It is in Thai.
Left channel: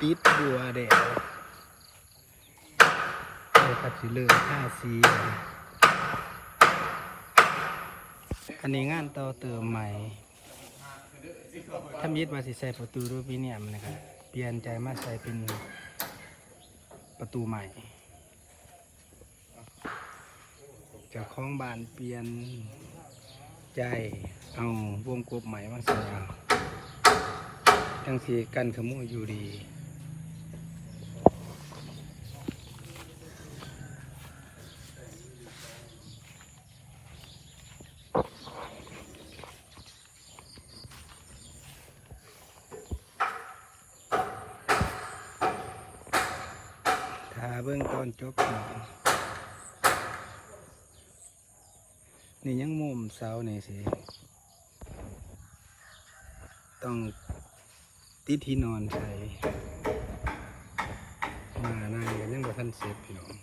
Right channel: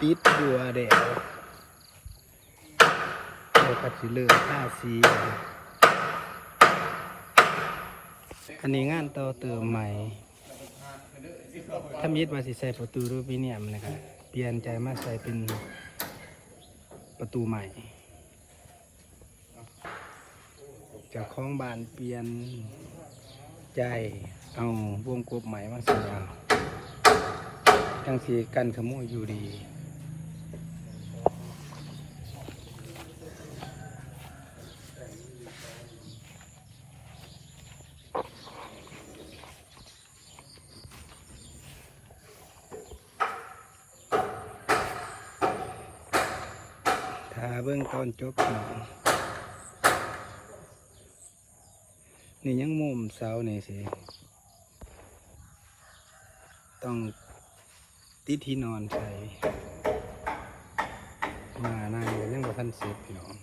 ติดบัวแดงเลยก็สิเลือกท่าสีอันนี้งานต่อเติมใหม่ถ้ามีดว่าสิใส่ประตูรูปนี้เนี่ยมันนะครับเปลี่ยนใจมาใส่เป็นประตูใหม่จากของบ้านเปลี่ยนใจเอาวงกบใหม่มาใส่เอาทั้งที่กันขโมยอยู่ดีถ้าเบื้องต้นจบนี่ยังมุมเสานี่สิต้องติดที่นอนใส่มานั่งกันยังบ่ทันเสร็จพี่น้อง